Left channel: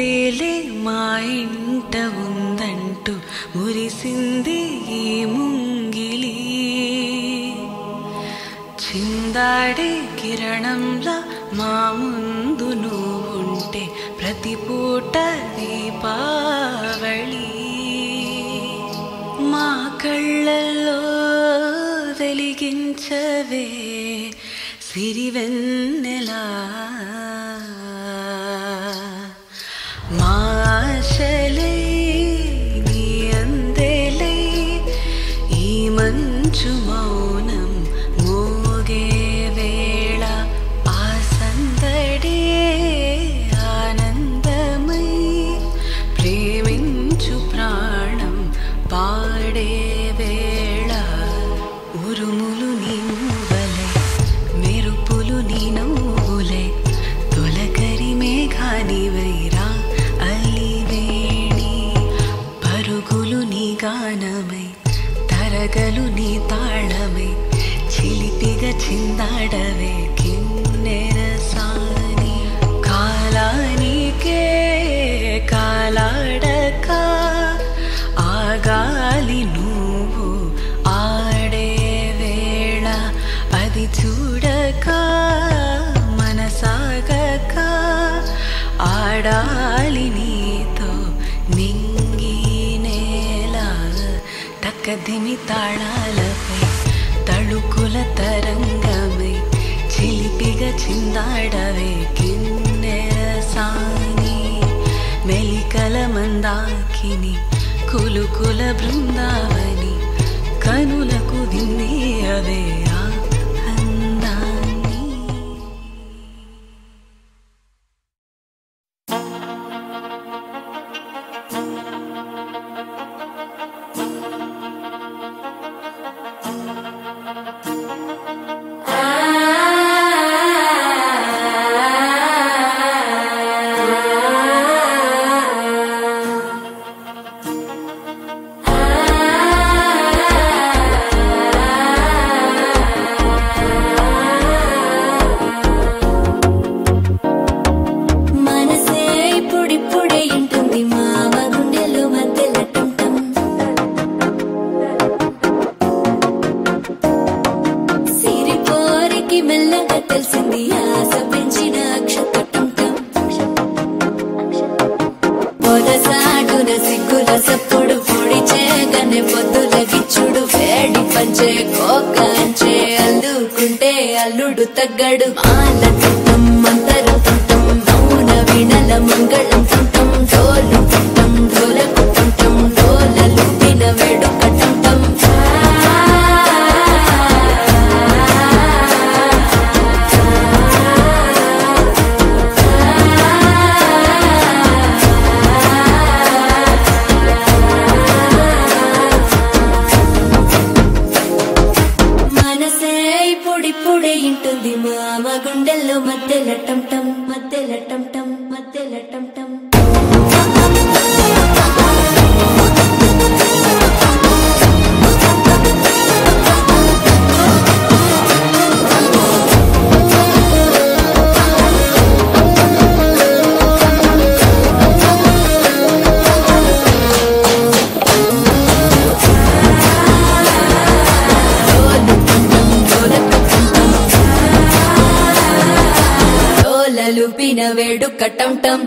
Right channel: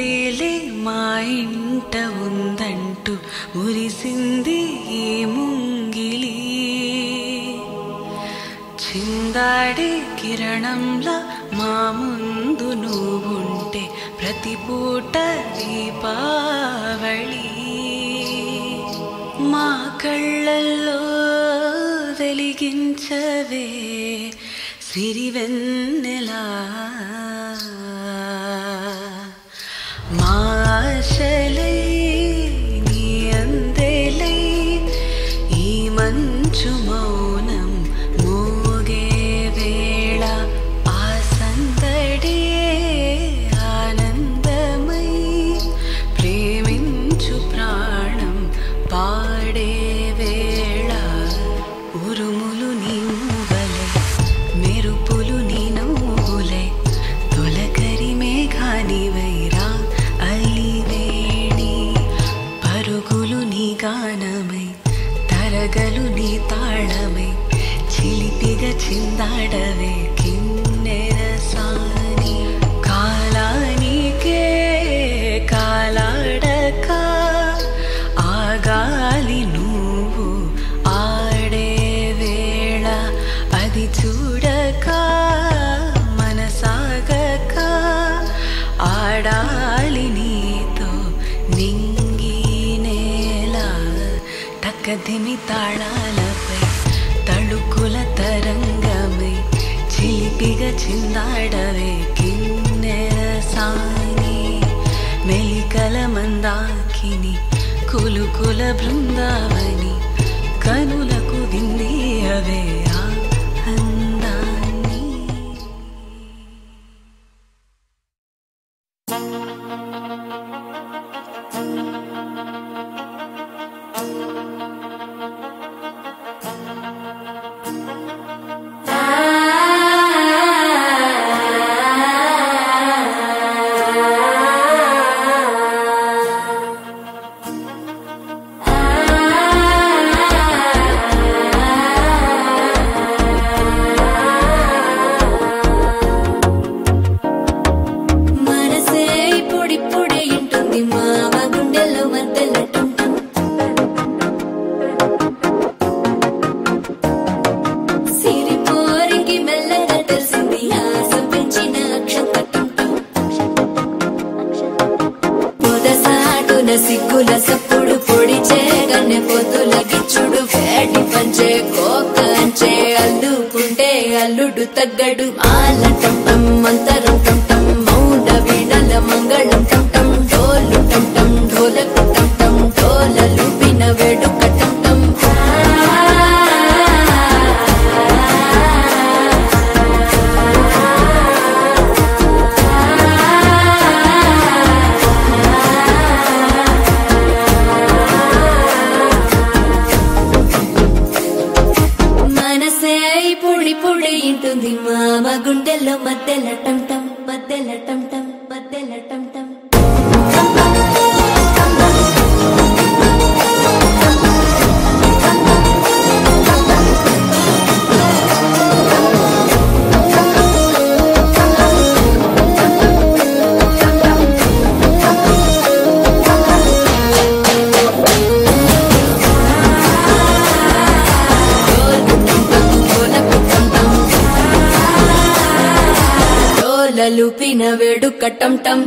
అందేలే మా ఇంట ఉందంటూ మురిసింది ఈ ముంగిలి. చిందాడే కిరణంలా మా ముందు నువ్వుంటే ప్రతి పూట దీపావళి. మా కళ్ళల్లో వెలిగించవే సిరివెన్నెలా. మా ఆశలై నీ అందేలై ఈ మంచు మౌనం మోగే వేళ ఆ సందడే ఆనందమై ప్రేమించు ప్రాణం పాడే వేళ. ఉరుములు నీ మూవలే మెరుపులు నీ నవ్వులే తొలకరి మేఘానివైరా అలివేణి. పరుగులు నీ గానమై తరగలు నీ తాళమై చిలిపిగా చిందాడవే కిన్నెరసాని. కాలానికే కాలాడక ఆగాలి నువ్వు ఆడే వేళ. అది చూడక మనసాగక ఆడాలి నీతో నింగి నేల. తక్కదిమి తాళాలపై తళుకుల తరంగమై చిలిపిగా చిందాడవే కిన్నెరసాని. మెలికల మందాకిని కులుకుల బృందావని కనులకు విందియవే ఆ అందాన్ని. అల్లుడు తగ్గడు మాల టం మంతరం టం మౌన వీణల మంగళం టం డోలు టం ఢోలకు టం డోలలు విన వేడుక టం. మనసే పొడి పొడి ఇంటుంది మామ గుండెల్లో మధ్యల టం టం మధ్యల టం టం మధ్యల టం టం. లూపిన వేడుక టం టం.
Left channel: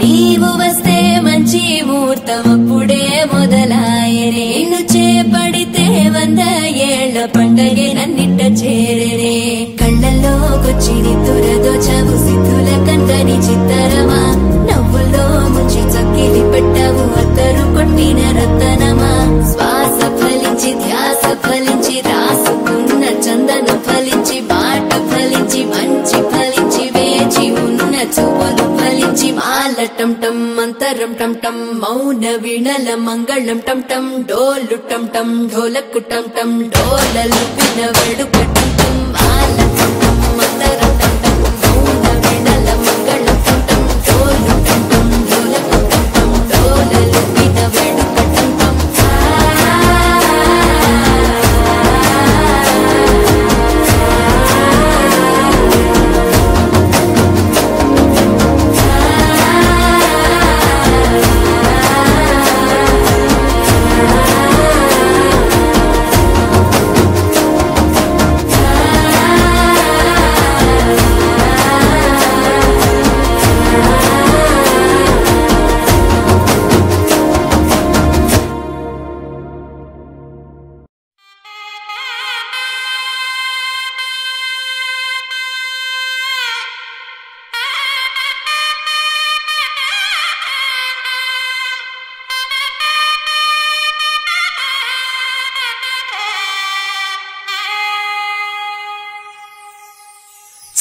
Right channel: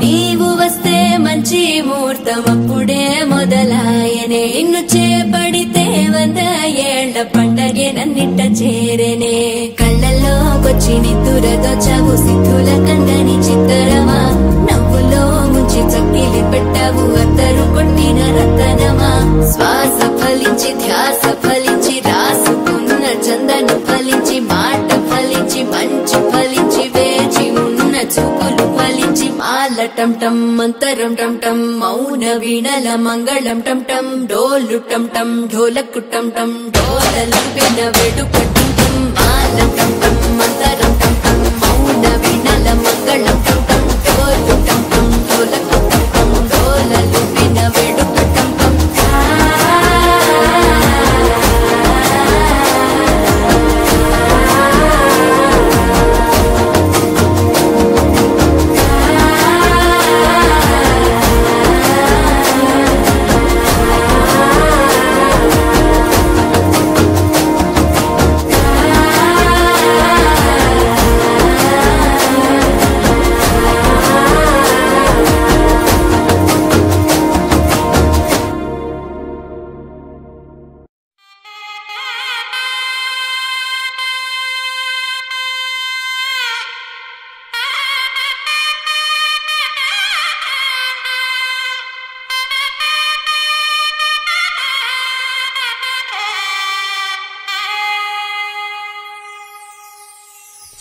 నీవు వస్తే మంచి ముహూర్తం అప్పుడే మొదలాయనే. నిన్ను చేపడితే 100 ఏళ్ల పండగే నన్నిట్ట చేరేనే. కళ్ళల్లోకొచ్చి నిద్దురదోచావు సిద్ధుల కందని చిత్తరమా. నవ్వులో ముంచి చక్కిలి పెట్టావు అద్దరు కొట్టిన రతనమా. శ్వాస ఫలించి ధ్యాస ఫలించి రాసుకున్న చందన ఫలించి మాట ఫలించి మంచి ఫలించి వేచి ఉన్న చూపులు ఫలించి మాల టం టం మంతరం టం టం మౌన వీణల మంగళం టం టం డోలు టం టం ఢోలకు టం టం డోలలు విన వేడుక టం టం. మాల టం టం మంతరం టం టం మౌన వీణల మంగళం టం టం డోలు టం టం ఢోలకు టం టం డోలలు విన వేడుక టం టం.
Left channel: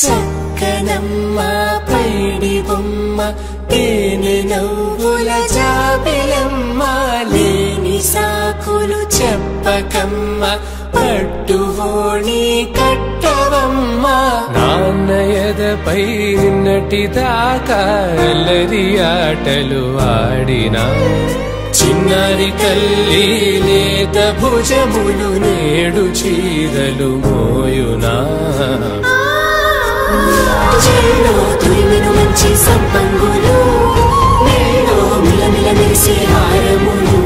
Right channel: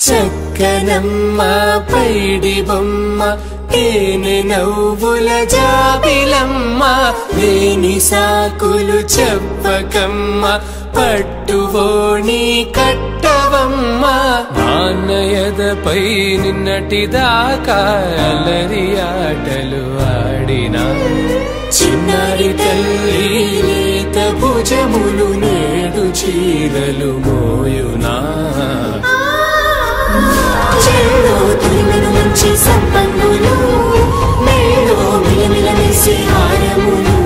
చక్కనమ్మ పైడి బొమ్మ తేనె నవ్వుల జాబిలమ్మ లేని సాకులు చెప్పకమ్మ పట్టువోణి కట్టవమ్మ నాన్నయదపై నిన్నటిదాకా అల్లరి ఆటలు ఆడినా చిన్నారి తల్లి లేత భుజములు నేడు చీరలు మోయునా చెల్లో తురిమెను మంచి సంపంగులు మెల్లో మిలమిల మెరిసే హారములు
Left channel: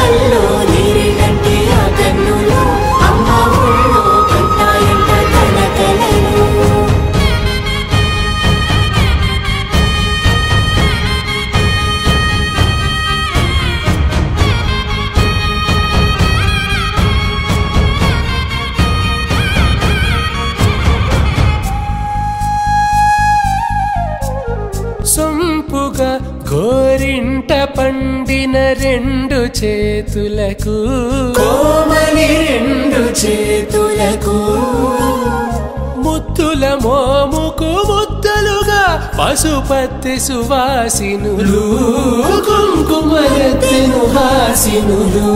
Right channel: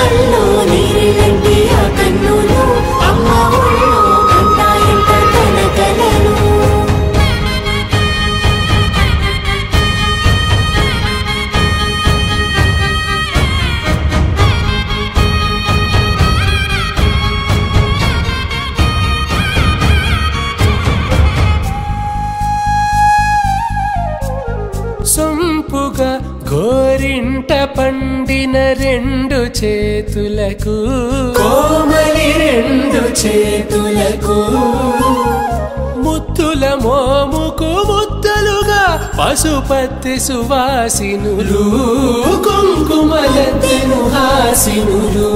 అల్లో నీరెళ్ళంటే ఆ కన్నులు అమ్మ ఒళ్ళో కంటాయంట కలకలను సొంపుగా గోరింట పండిన రెండు చేతులకు కోమలి రెండు చేతులకు ముత్తుల మోముకు ముద్దలుగా పసుపత్తి సువాసినులు కుంకుమలెత్తెను హాసినులు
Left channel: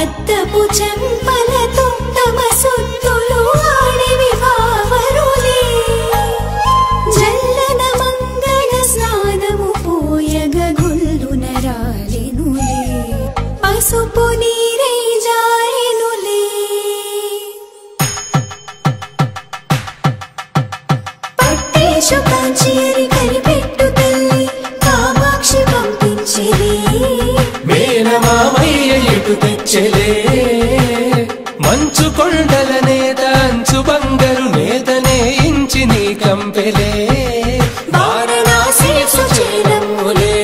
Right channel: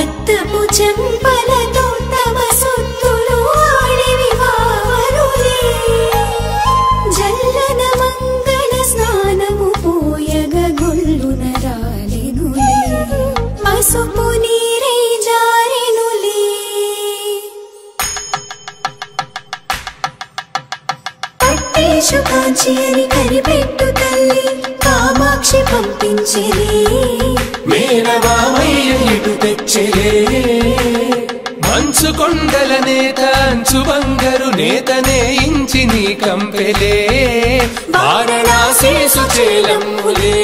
అద్దపు చెంపలతో తమ సొత్తులు ఆడివి బావరులే జల్లన మంగళ స్నానము పోయగ గొల్లున రాలినులే పసుపు నీరై జారినులే పట్టేశు కాంచి అని కనిపెట్టు తల్లి కామాక్షి పంపించేది మేనమామయ్య ఎటు తెచ్చలే మంచు కొండల నేత అంచు బంగారు నేతనే ఇంచి నీ కంపెలే వారణాసి సుచేలమ్ములే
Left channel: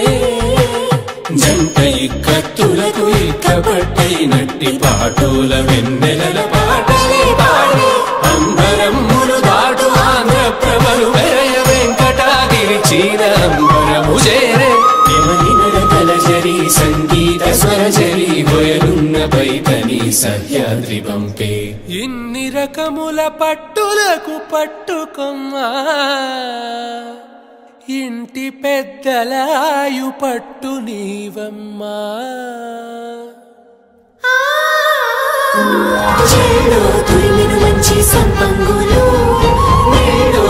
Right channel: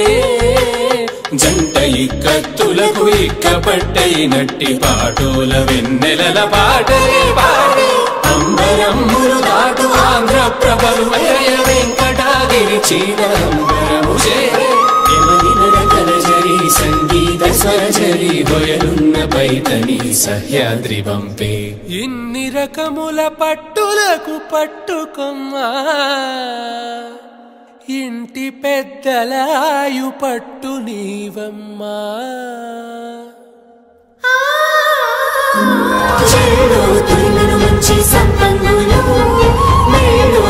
జంట ఇక్కత్తులకు ఇక్కపట్టైనట్టి పాటోల వెన్నెలల పాటలే పాడే అంబరమ్ములు దాటు ఆంధ్ర ప్రభలు వెంకటాగిరి చీర అంబరము చేరే యమని నడకల జరి సంగీత స్వరజరి హొయలున్న పైతని సహ్యాద్రి పంపే ఇన్ని రకముల పట్టులకు పట్టుకొమ్మా ఇంటి పెద్దలాయు పట్టు నీవమ్మా చెల్లో తురిమెను మంచి సంపంగులు మెల్లో